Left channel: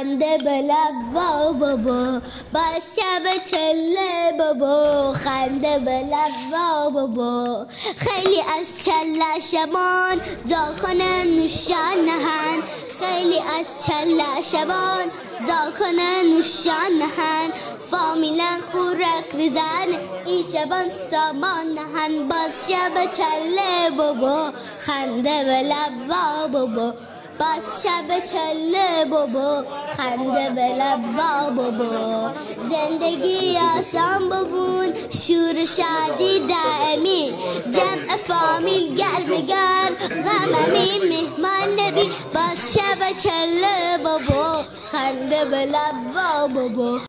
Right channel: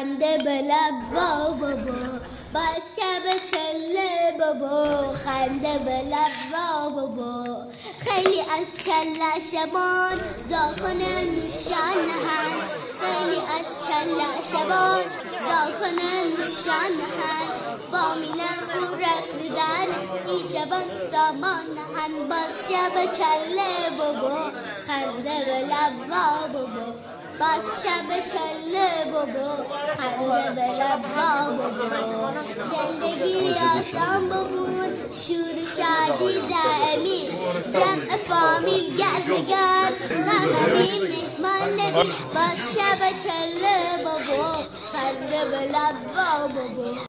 خنده به لب بابا، بس شب چله بابا، خنده به لب بابا. خیلی از چله شبان زاکنن نوشان نهن، خیلی از چله شبان زاکنن نوشان نهن. فامیلن خورک ریزن ای شبان سامان نهن، باز شب چله بابا، خنده به لب بابا، بس شب چله بابا، خنده به لب بابا. زندگی آسان ببون، شور شادی دائمی، جمع فامیل گرم گرم، غممی مهمان نبی، بس شب چله بابا، خنده به لب بابا.